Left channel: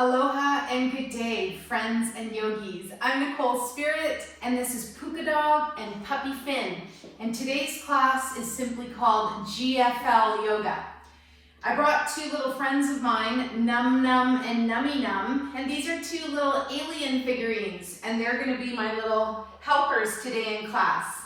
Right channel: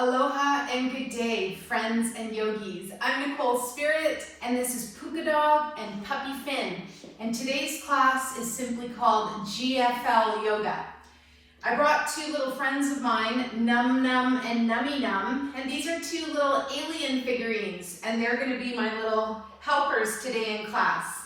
Aloha and good day, friends and yogis. I'm Nicole Spirit, and this is Puka Dog and Puppy Finn. And today's class is simply called GFL Yoga. I brought two little friends of mine, Num Num and Nummy Num, and these are two little alien figurines, and they're going to be my little helpers today in class.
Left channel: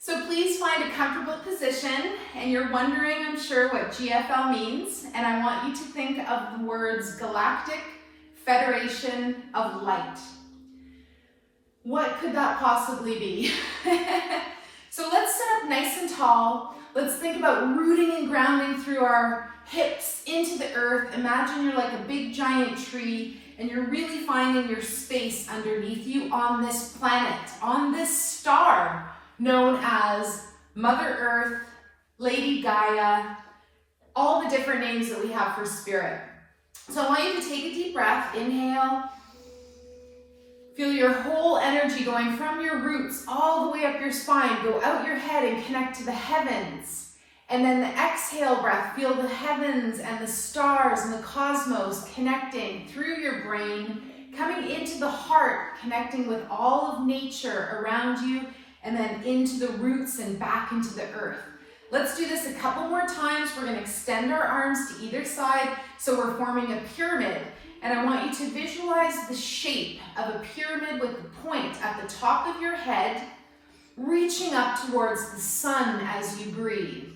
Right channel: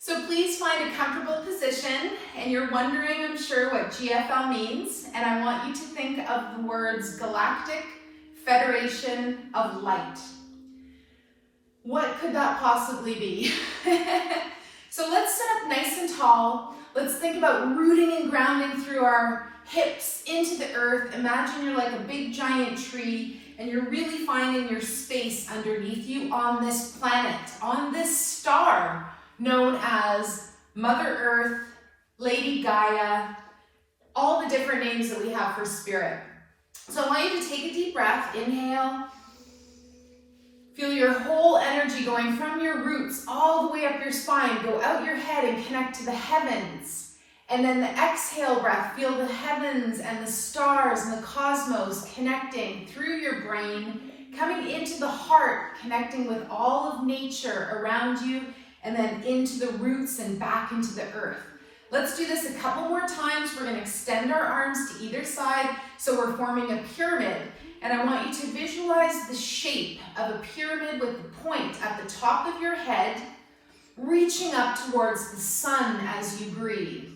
So please find a comfortable position, and you're wondering, I'm sure, what GFL means, and I want you to think of the words Galactic Federation of Light. What could that possibly be? So let's sit up nice and tall. Let's think about rooting and grounding through our hips into the earth. Imagine you're like a big giant tree, and you're really finding your space underneath you on this planet, on this star, known as Mother Earth, Lady Gaia, all the different names that we have for spirit. So I want you to take a deep breath, inhale, feel your whole energy going from your roots all the way up your spine, go out your head and connect to the heavens. And then the exhale breath, feel the heavens and the stars and the cosmos connecting through your brain, coming into the heart, connecting with all of nature around you, and then into the roots and back into the earth. Let's do this a couple more times. We're going to extend our arms to either side, so we're forming a pyramid. And I want you to visualize the shape of a pyramid with the point at the top of your head, reaching up towards the sun as you breathe.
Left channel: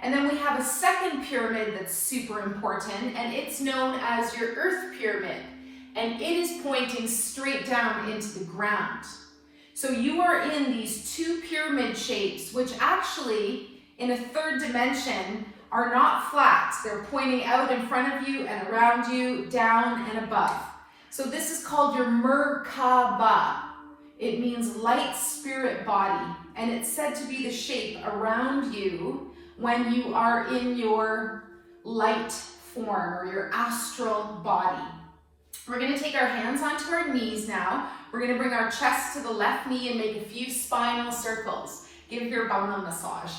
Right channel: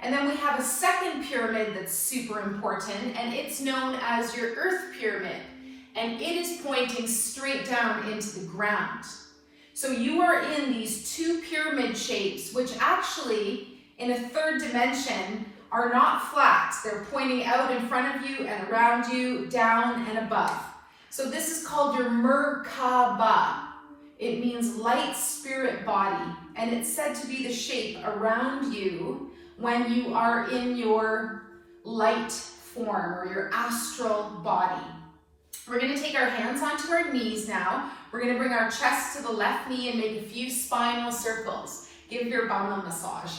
And then we have a second pyramid that's super important, and it's known as your earth pyramid. And it is pointing straight down into the ground. So you are in these two pyramid shapes, which actually, in a third dimension, are not flat. They're pointing out in front of you and around you, down and above. So this is called your Merkaba. It means light spirit body, and it's said to be the shape around you when you are in your light form or your astral body. We're going to take our hands onto our knees now. We're going to bring our chest to the left knee and make a few spinal circles. Give your bum a massage.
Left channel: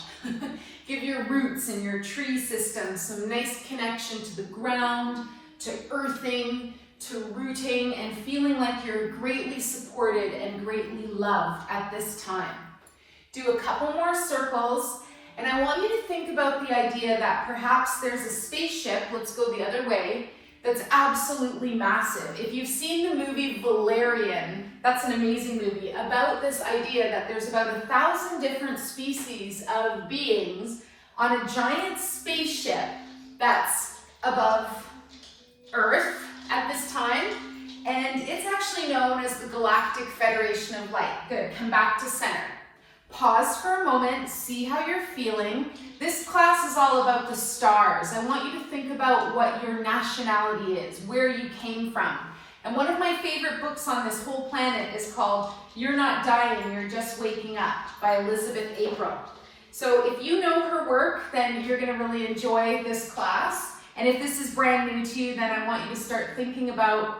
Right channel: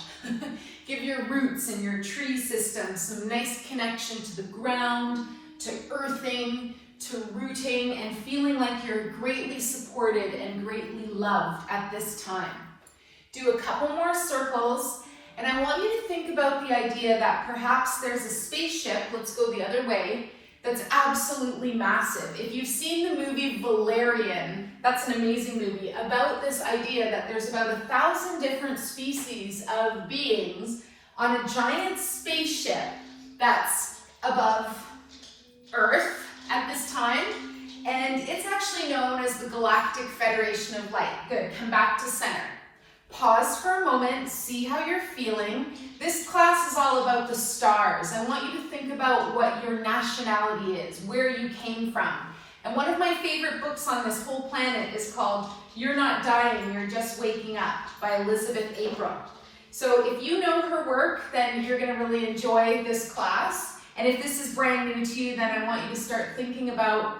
Give your roots and your tree system some nice connection to the ground, to earthing, to rooting, and feeling like you're greatly supported and greatly loved at this time. Do a couple more circles, and I want you to think about the idea that perhaps there's a spaceship, let's go the other way, that's absolutely massive. If you've seen the movie Valerian, that's an amazing movie, about this idea that there's about 1,000 different species of beings on a giant spaceship that's above Earth at this time, and it's actually known as the Galactic Federation of Light. Good, come back to center. Pause for a moment, see how you're feeling. This class is all about the stars. I want you to think about what your nationality is, where you came from. And one of my favorite books on this whole planet is called You're Not Dying, You're Just Waking Up by Elizabeth April. So if you know her work, then you're going to really enjoy this class. And if this is brand new to you, then I want you to start thinking about,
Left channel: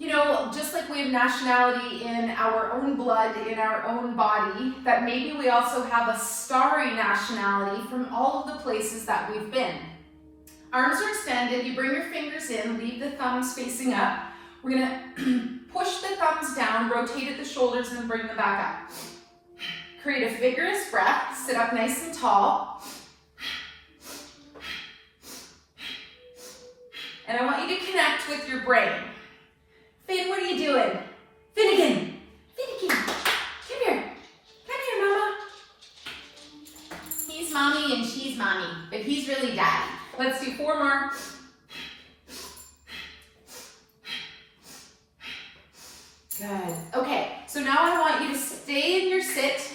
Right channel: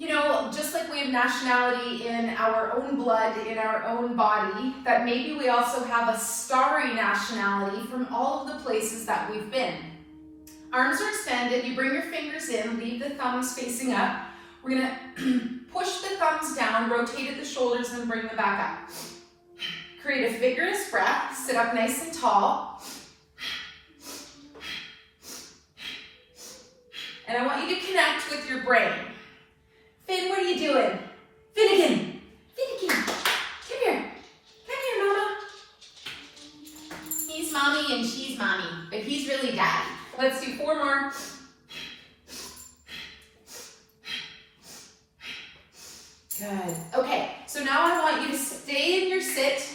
you know, just like we have nationality in our own blood, in our own body, that maybe we also have a starry nationality from all of the places that we've been. Arms are extended, you bring your fingers in, leave the thumbs facing up. We're gonna push the thumbs down, rotate at the shoulders, and bring them back up. Create a vigorous breath, sit up nice and tall. And I want you to connect with your brain. Finn, what are you doing? Finnegan, Finnegan, come here, mama. He's mommy and she's mommy, but he's really daddy. Let's do 4 more. Good. Okay, so now I want you to stay in your sit,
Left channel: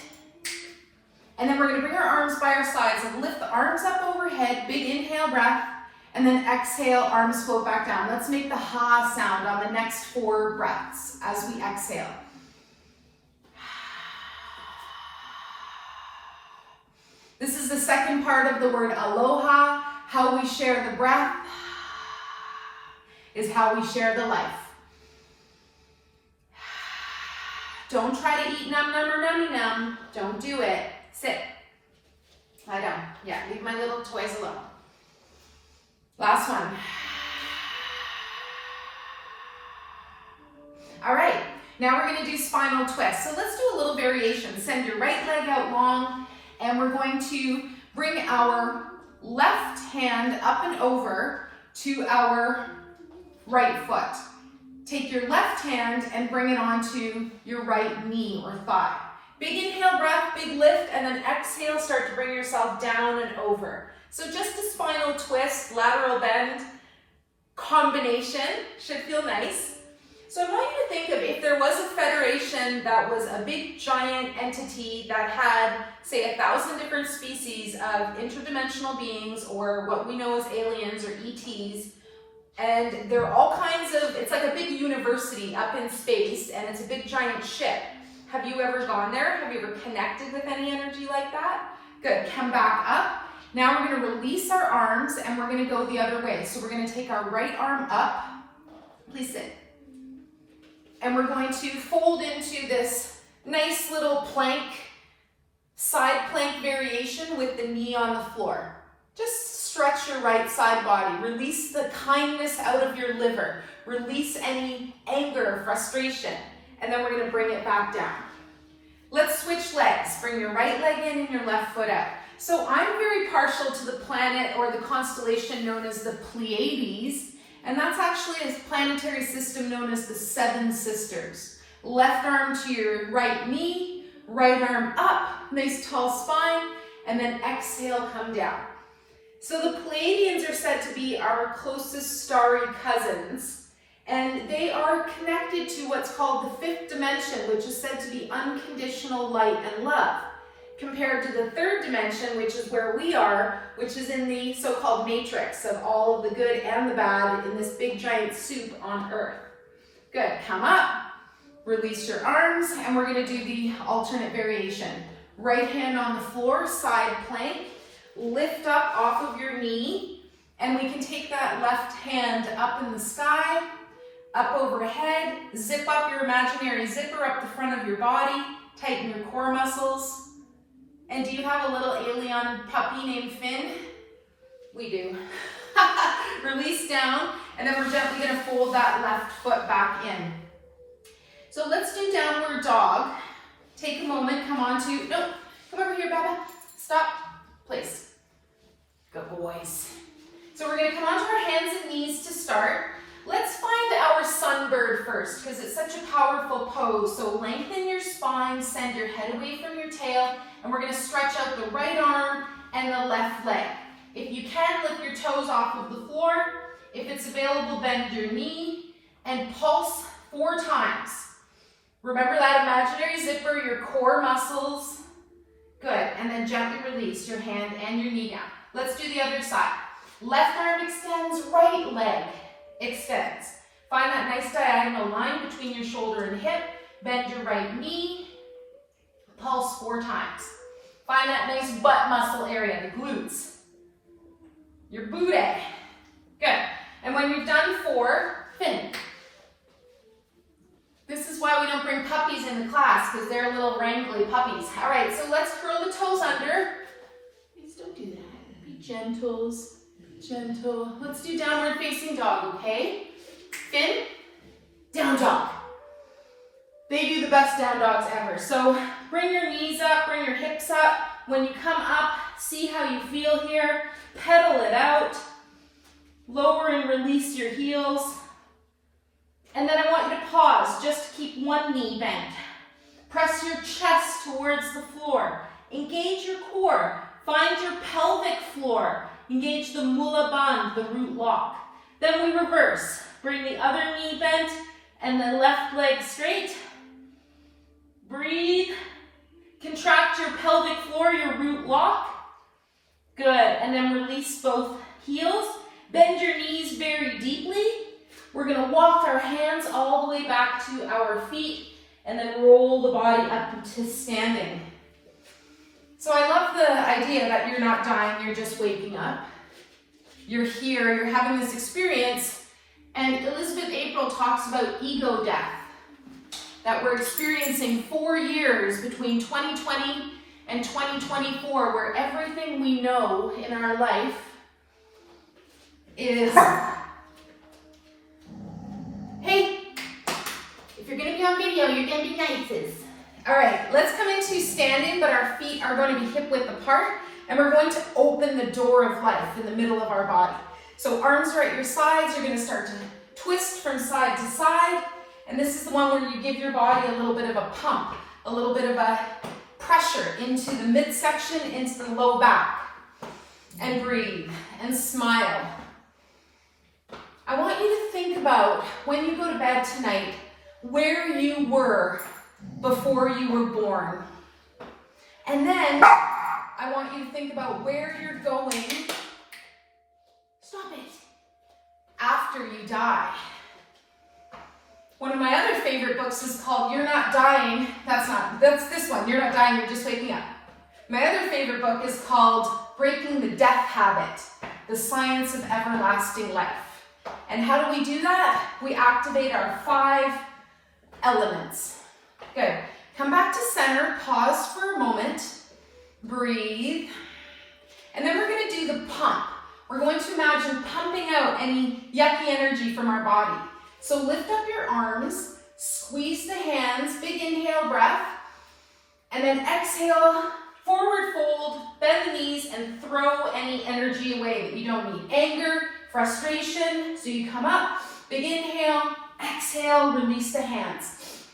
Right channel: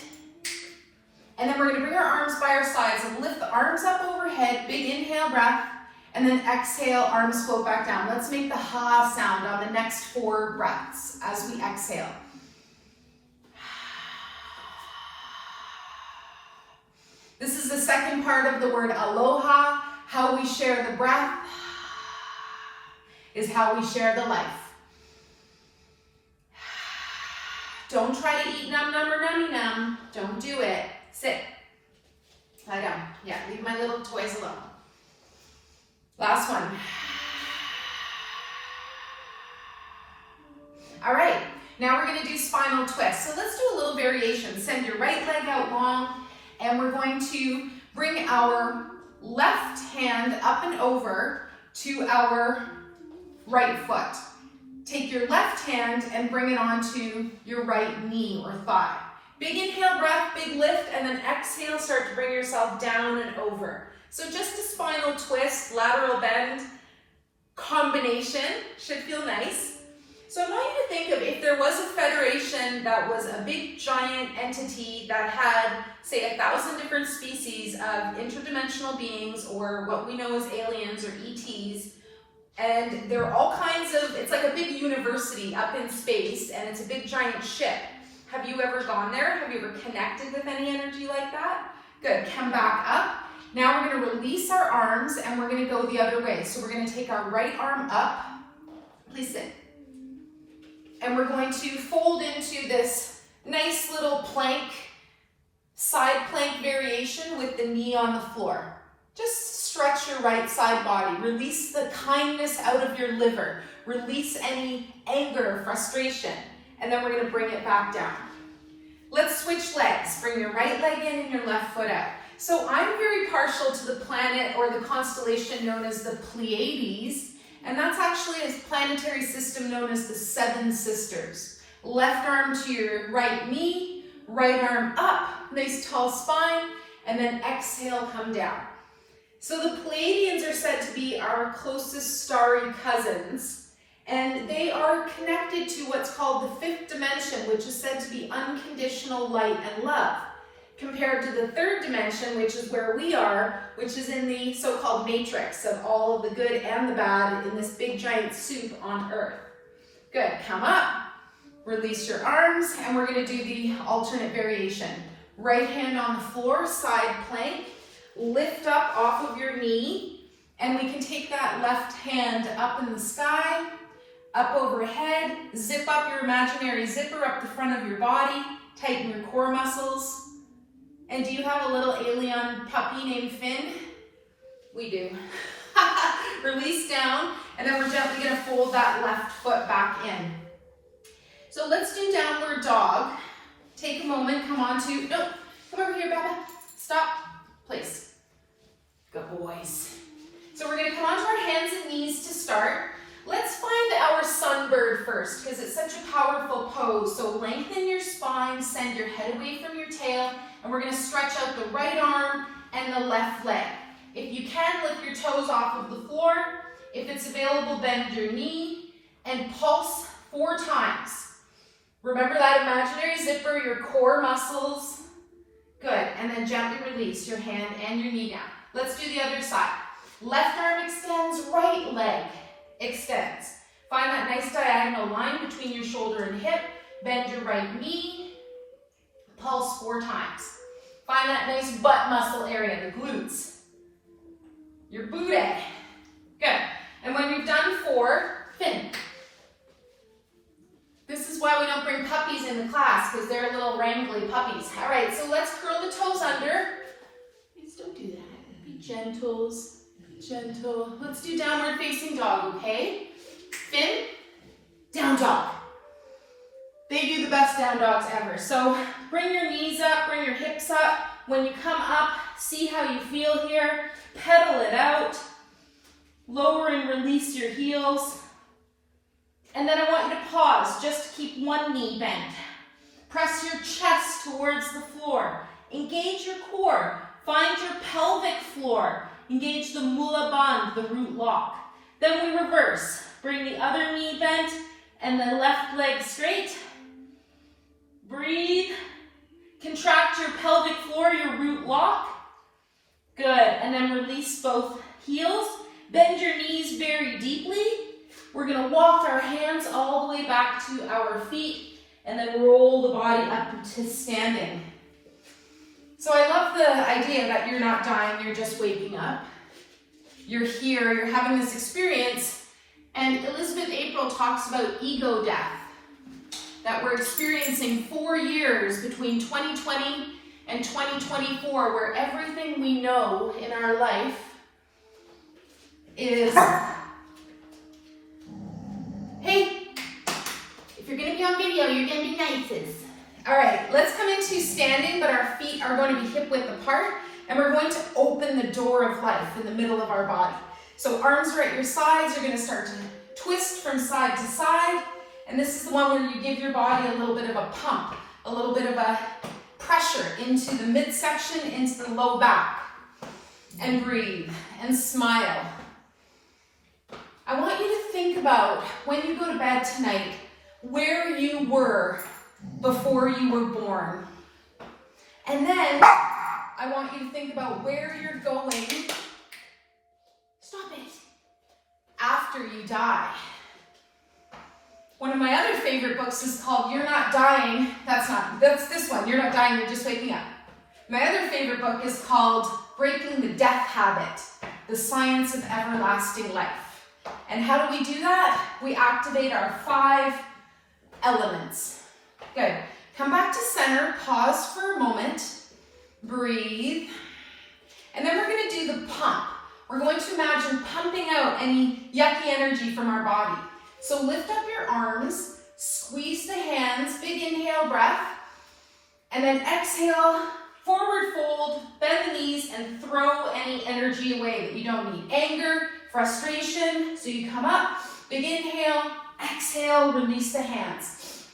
and then we're going to bring our arms by our sides and lift the arms up overhead, big inhale breath, and then exhale, arms float back down. Let's make the ha sound on the next 4 breaths as we exhale. This is the second part of the word aloha. How we share the breath is how we share the life. Don't try to eat num num or nummy num. Don't do it. Sit. Lie down. Yeah, leave my little toys alone. Last one. All right, now we're gonna do spinal twist. So let's do a little variation. Send your right leg out long, and we're going to bring our left hand up and over to our right foot. Take your left hand and bring it onto your right knee or thigh. Big inhale breath, big lift, and then exhale, start to bring yourself down and over. So just a spinal twist, lateral bend combination, should feel nice. So I want you to think of if there was a federation that was a big giant entity that had, say, 1,000 different species of interdimensional beings, or what we know as aliens or ETs, and there are all kinds of, it's like a big university up in space, and it's a big giant ship. Have you ever gone there? Have you ever connected with any energy like that? Good, come back up. Now we're gonna release our arms and we're gonna go the other way. So we're gonna take our right arm up, please sit. And we're going to fold into this nice little plank, side plank variation with the knee on the floor. Just stretch your right side body. Release the kindness out of your liver. Release any anger, frustration. And then we're gonna bring it back down. Let's switch legs. Bring your right leg in and your left foot out. So I'm very partial to the planet or the constellation known as the Pleiades, and that's actually a planetary system known as the Seven Sisters. Left arm to your right knee, right arm up, nice tall spine, and then exhale, come down. So the Pleiadians are said to be our closest starry cousins, and they are connected to what's called the fifth dimension, which is said to be unconditional light and love, compared to the third dimension, which is where we are, which is in the so-called matrix of all of the good and the bad in this big giant soup on Earth. Good, come up, release your arms, and we're gonna do the alternate variation. Right hand on the floor, side plank, lift up off of your knee, and we can take that left hand up in the sky, up overhead, zip up your imaginary zipper up the front of your body, tighten your core muscles. And do you have a little alien puppy named Finn? We do. Release down, and then we're gently gonna fold that left foot back in. So let's do downward dog. Take a moment, come over here, Baba. Stop, place. Good boys. So we're gonna come onto our hands and knees to start. Let's find our sunbird first, because it's such a powerful pose. So lengthen your spine, send your head away from your tail, and we're gonna stretch out the right arm and the left leg. If you can, lift your toes off of the floor. If it's available, bend your knee and pulse 4 times. Remember that imaginary zipper, your core muscles. Good, and then gently release your hand and your knee down. Let's do the other side. Left arm extends, right leg extends. Find that nice diagonal line between your shoulder and hip. Bend your right knee. Pulse 4 times. Find that nice butt muscle area, the glutes. Your booty. Good. And when you've done 4, fin. This is why we don't bring puppies in the class, because they're little wrangly puppies. All right, so let's curl the toes under. Please don't do that. Be gentles. Gentle. Let's do downward facing dog, okay? Fin, down dog. They do the best down dogs ever. So bring your knees up, bring your hips up. When you come up, see how you feel here. Pedal it out. Lower and release your heels. And then I want you to pause, just to keep one knee bent. Press your chest towards the floor. Engage your core. Find your pelvic floor. Engage the mula bandh, the root lock. Then we reverse. Bring the other knee bent and the left leg straight. Breathe. Contract your pelvic floor, your root lock. Good. And then release both heels. Bend your knees very deeply. We're going to walk our hands all the way back to our feet and then roll the body up to standing. So I love the idea that you're not dying, you're just waking up. You're here, you're having this experience, and Elizabeth April talks about ego death, that we're experiencing 4 years between 2020 and 2024, where everything we know in our life is, hey, if you're gonna be on video, you're gonna be nices. All right, let's come into standing, but our feet are going to be hip width apart, and we're going to open the door of life in the middle of our body. So arms are at your sides, you're gonna start to twist from side to side, and this is the one where you give your body a little bit of a pump, a little bit of a pressure into the midsection, into the low back. And breathe and smile. I want you to think about when you go to bed tonight, where you were before you were born. And then I want you to think about where you're going, stop it, after you die. One of my other favorite books is called You're Not Dying. That's this one, You're Not Dying, You're Just Waking Up. My other favorite book is called Breaking the Death Habit, The Science of Everlasting Life. And how do we do that? We activate our 5 elements. Good. Come back to center, pause for a moment, breathe, and then we're going to do the pump. We're going to imagine pumping out any yucky energy from our body. So lift up your arms, squeeze the hands, big inhale breath, and then exhale, forward fold, bend the knees, and throw any energy away that you don't need. Anger, frustration, so you come up, big inhale, exhale, release the hands.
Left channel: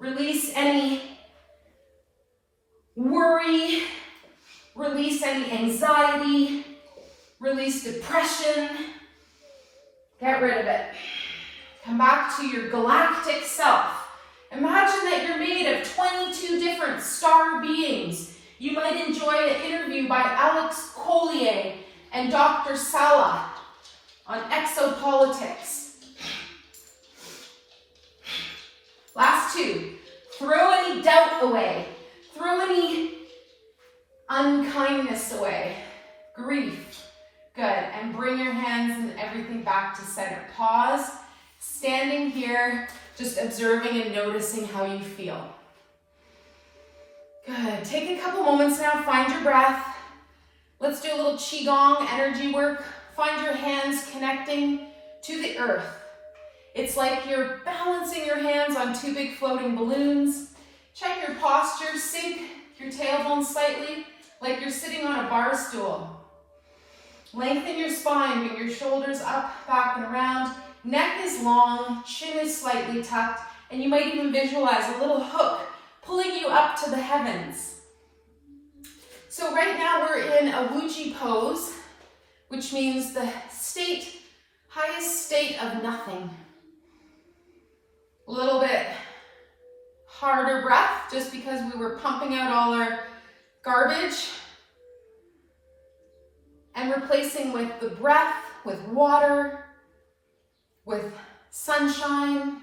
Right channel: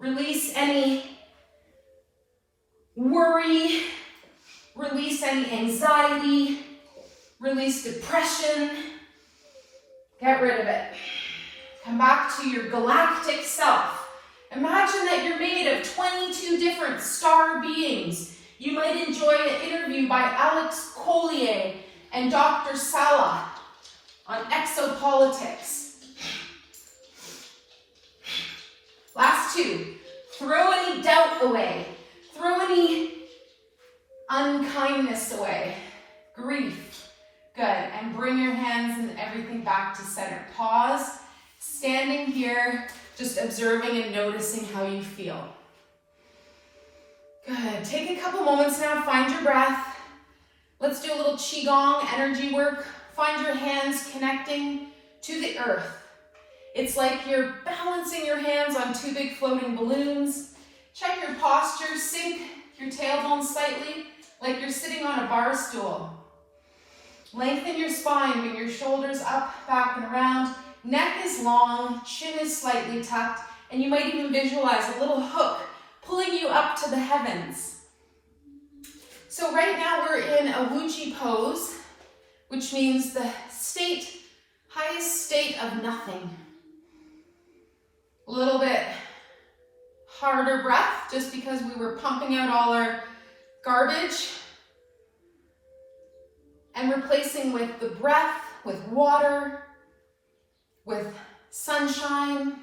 Release any worry, release any anxiety, release depression, get rid of it. Come back to your galactic self. Imagine that you're made of 22 different star beings. You might enjoy an interview by Collier and Dr. Salla on exopolitics. Last 2. Throw any doubt away. Throw any unkindness away. Grief. Good. And bring your hands and everything back to center. Pause. Standing here, just observing and noticing how you feel. Good. Take a couple moments now. Find your breath. Let's do a little Qigong energy work. Find your hands connecting to the earth. It's like you're balancing your hands on 2 big floating balloons. Check your posture. Sink your tailbone slightly, like you're sitting on a bar stool. Lengthen your spine. Bring your shoulders up, back, and around. Neck is long, chin is slightly tucked, and you might even visualize a little hook pulling you up to the heavens. So right now we're in a Wuji pose, which means the highest state of nothing. A little bit harder breath, just because we were pumping out all our garbage, and replacing with the breath, with water, with sunshine,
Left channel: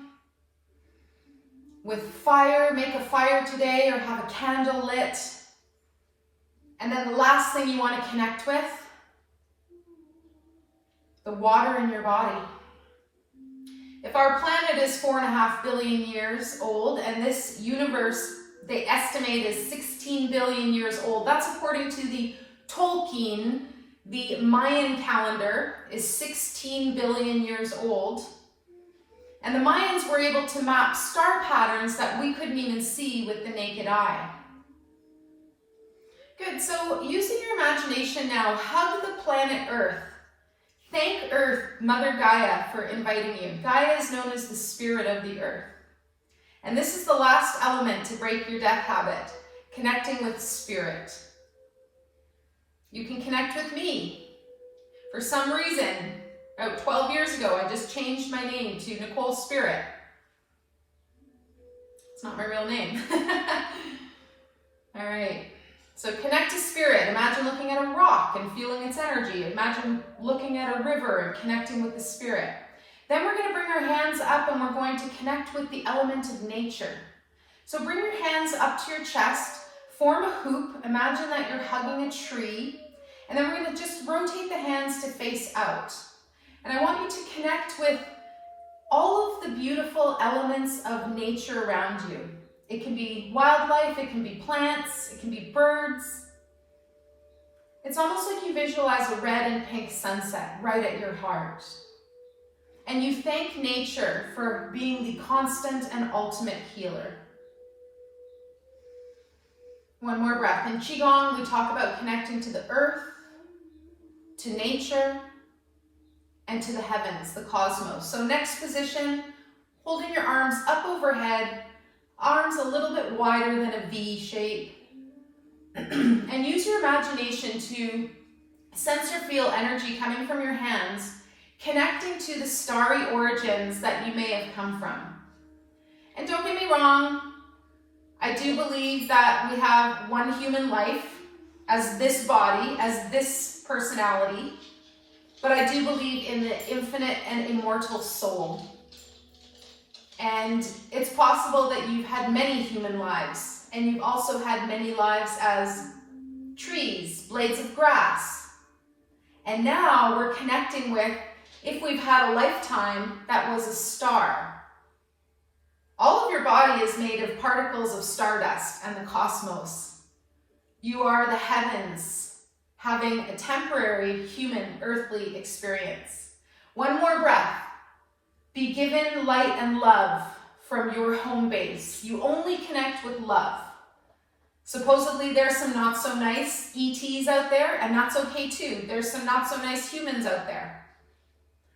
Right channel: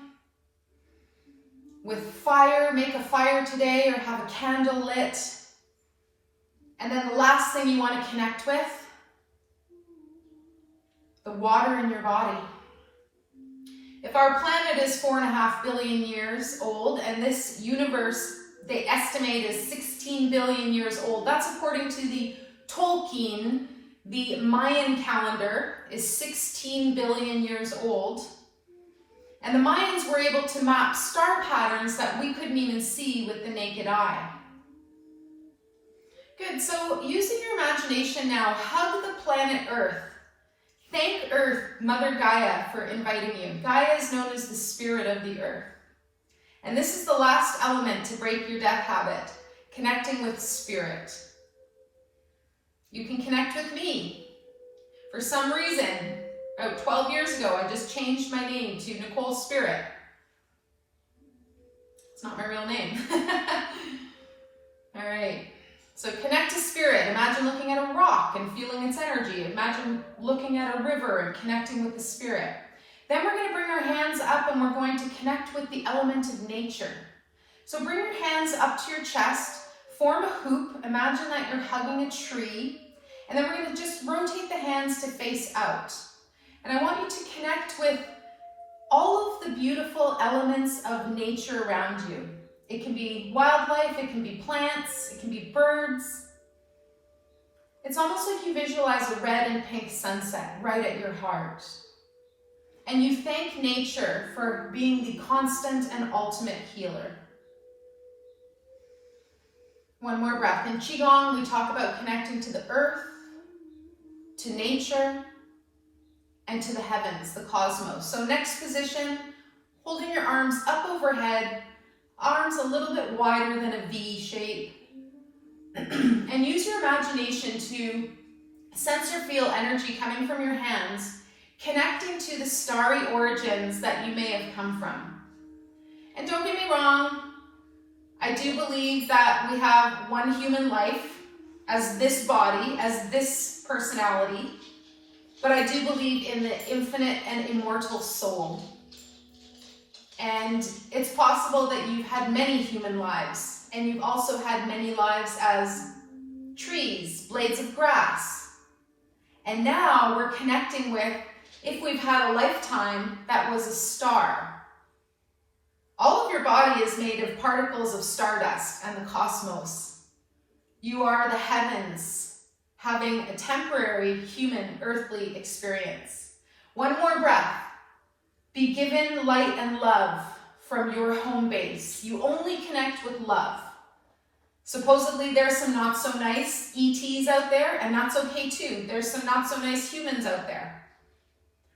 with fire. Make a fire today or have a candle lit. And then the last thing you want to connect with, the water in your body. If our planet is 4.5 billion years old, and this universe, they estimate, is 16 billion years old, that's according to the Tolkien. The Mayan calendar is 16 billion years old. And the Mayans were able to map star patterns that we couldn't even see with the naked eye. Good, so using your imagination now, hug the planet Earth. Thank Earth, Mother Gaia, for inviting you. Gaia is known as the spirit of the earth. And this is the last element to break your death habit, connecting with spirit. You can connect with me. For some reason, about 12 years ago, I just changed my name to Nicole Spirit. It's not my real name. All right. So connect to spirit. Imagine looking at a rock and feeling its energy. Imagine looking at a river and connecting with the spirit. Then we're going to bring our hands up and we're going to connect with the element of nature. So bring your hands up to your chest, form a hoop. Imagine that you're hugging a tree. And then we're going to just rotate the hands to face out. And I want you to connect with all of the beautiful elements of nature around you. It can be wildlife, it can be plants, it can be birds. It's almost like you visualize a red and pink sunset right at your heart. and you thank nature for being the constant and ultimate healer. One more breath. In Qigong, we talk about connecting to the earth, to nature, and to the heavens, the cosmos. So next position, holding your arms up overhead, arms a little bit wider than a V shape. And use your imagination to sense or feel energy coming from your hands, connecting to the starry origins that you may have come from. And don't get me wrong, I do believe that we have one human life as this body, as this personality, but I do believe in the infinite and immortal soul. And it's possible that you've had many human lives, and you've also had many lives as trees, blades of grass. And now we're connecting with, if we've had a lifetime that was a star. All of your body is made of particles of stardust and the cosmos. You are the heavens, having a temporary human earthly experience. One more breath. Be given light and love from your home base. You only connect with love. Supposedly there's some not so nice ETs out there, and that's okay too. There's some not so nice humans out there.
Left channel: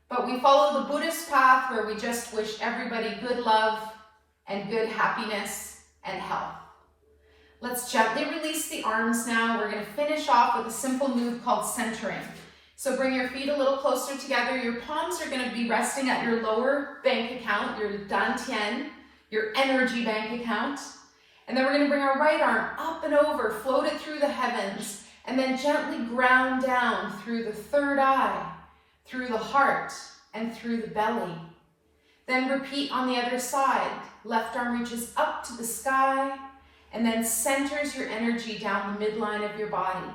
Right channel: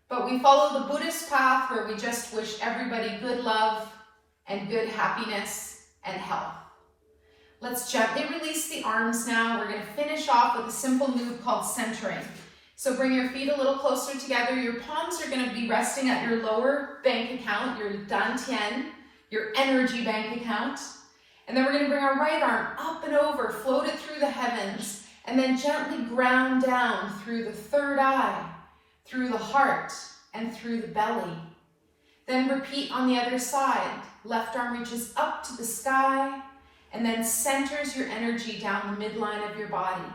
But we follow the Buddhist path where we just wish everybody good love and good happiness and health. Let's gently release the arms now. We're going to finish off with a simple move called centering. So bring your feet a little closer together. Your palms are going to be resting at your lower bank account, your dantian, your energy bank account. And then we're going to bring our right arm up and over, float it through the heavens, and then gently ground down through the third eye, through the heart, and through the belly. Then repeat on the other side. Left arm reaches up to the sky, and then centers your energy down the midline of your body.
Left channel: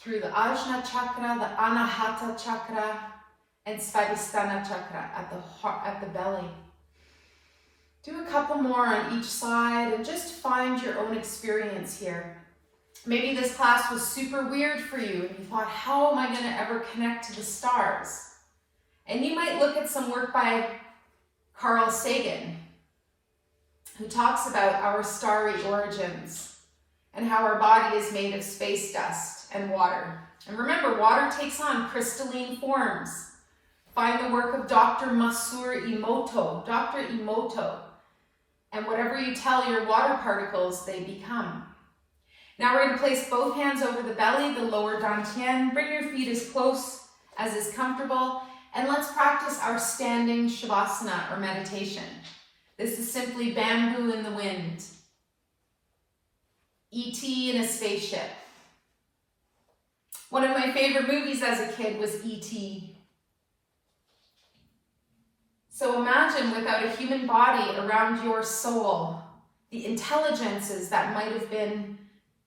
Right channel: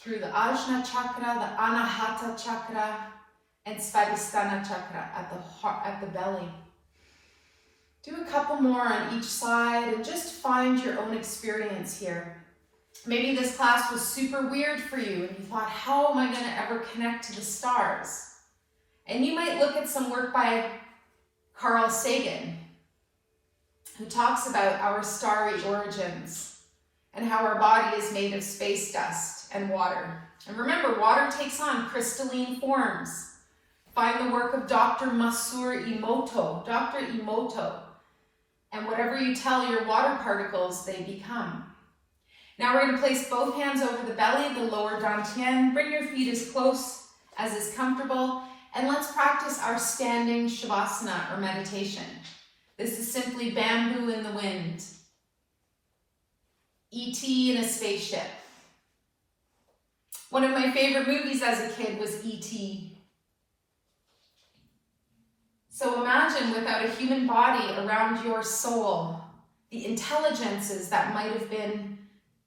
Through the Ajna chakra, the Anahata chakra, and Svadhisthana chakra at the belly. Do a couple more on each side and just find your own experience here. Maybe this class was super weird for you and you thought, how am I going to ever connect to the stars? And you might look at some work by Carl Sagan, who talks about our starry origins and how our body is made of space dust and water. And remember, water takes on crystalline forms. Find the work of Dr. Masaru Emoto, Dr. Emoto. And whatever you tell your water particles, they become. Now we're going to place both hands over the belly, the lower dantian. Bring your feet as close as is comfortable. And let's practice our standing shavasana or meditation. This is simply bamboo in the wind. E.T. in a spaceship. One of my favorite movies as a kid was E.T. So imagine without a human body around your soul, the intelligences that might have been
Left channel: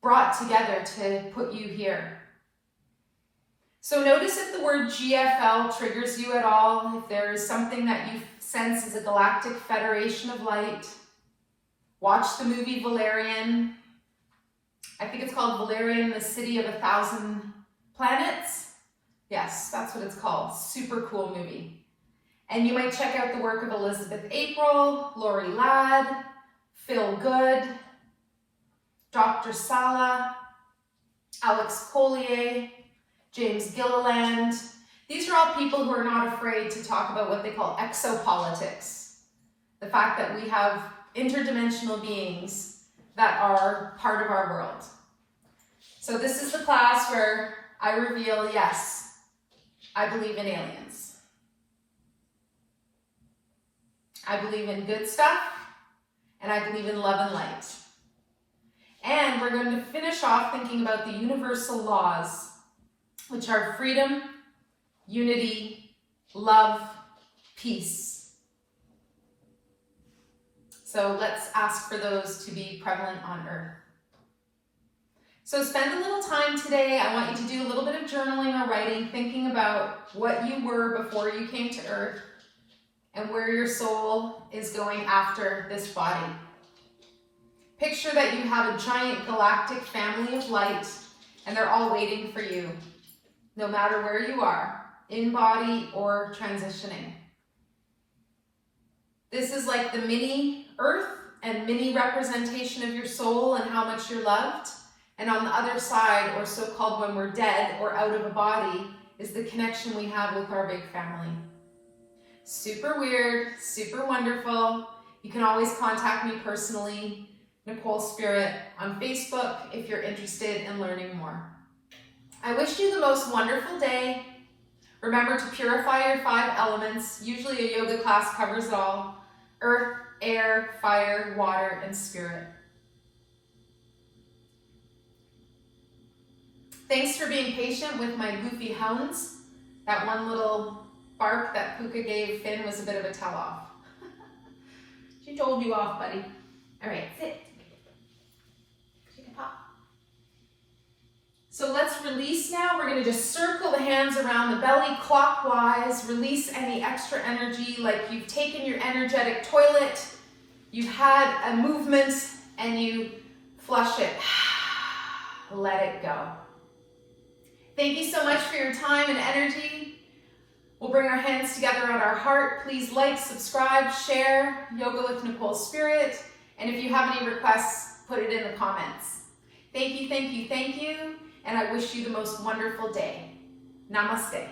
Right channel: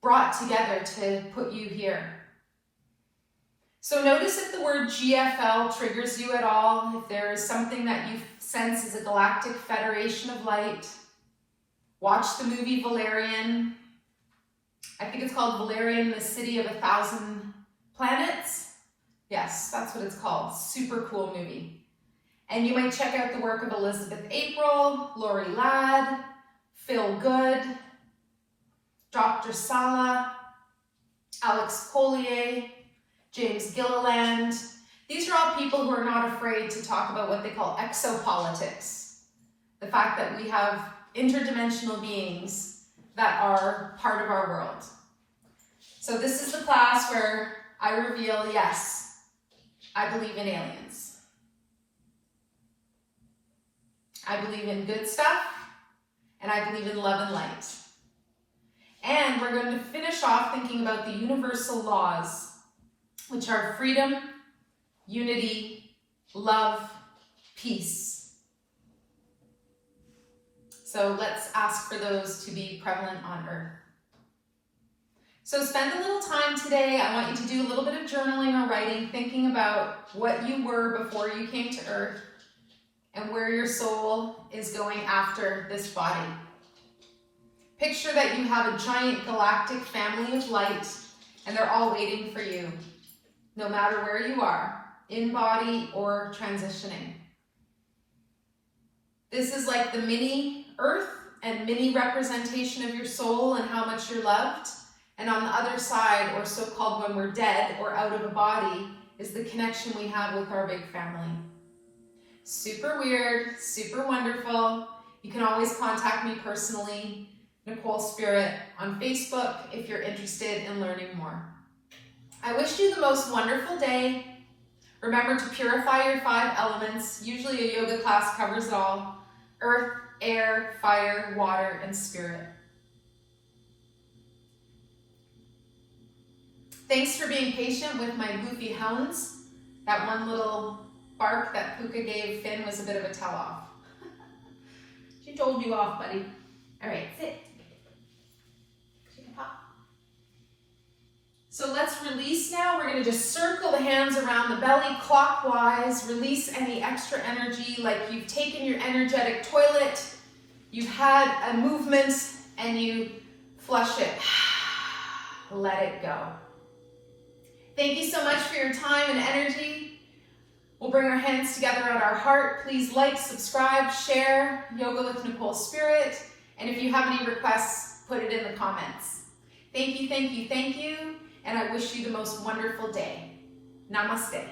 brought together to put you here. So notice if the word GFL triggers you at all, if there is something that you sense as a Galactic Federation of Light. Watch the movie Valerian. I think it's called Valerian, the City of 1,000 Planets. Yes, that's what it's called. Super cool movie. And you might check out the work of Elizabeth April, Lorie Ladd, Phil Good, Dr. Salla, Alex Collier, James Gilleland. These are all people who are not afraid to talk about what they call exopolitics. The fact that we have interdimensional beings that are part of our world. So this is the class where I reveal, yes, I believe in aliens. I believe in good stuff, and I believe in love and light. And we're going to finish off thinking about the universal laws, which are freedom, unity, love, peace. So let's ask for those to be prevalent on Earth. So spend a little time today. I want you to do a little bit of journaling or writing, thinking about what you were before you came to Earth and where your soul is going after this body. Picture that you have a giant galactic family of light and they're all waiting for you, no matter where you are. in body or transitioning. This is like the mini earth and mini representation of your soul and how much you're loved. And on the other side, or so-called when we're dead or out of a body, is the connection we have with our big family. Super weird, super wonderful. You can always contact me personally, Nicole Spirit, on Facebook if you're interested in learning more. I wish you the most wonderful day. Remember to purify your 5 elements. Usually a yoga class covers it all. Earth, air, fire, water, and spirit. Thanks for being patient with my goofy hounds. That one little bark that Puka gave Finn was a bit of a tell-off. She told you off, buddy. All right, sit. Take a pop. So let's release now. We're going to just circle the hands around the belly clockwise. Release any extra energy, like you've taken your energetic toilet, you've had a movement, and you flush it. Let it go. Thank you so much for your time and energy. We'll bring our hands together at our heart. Please like, subscribe, share Yoga with Nicole Spirit. And if you have any requests, put it in the comments. Thank you, thank you, thank you. And I wish you the most wonderful day. Namaste.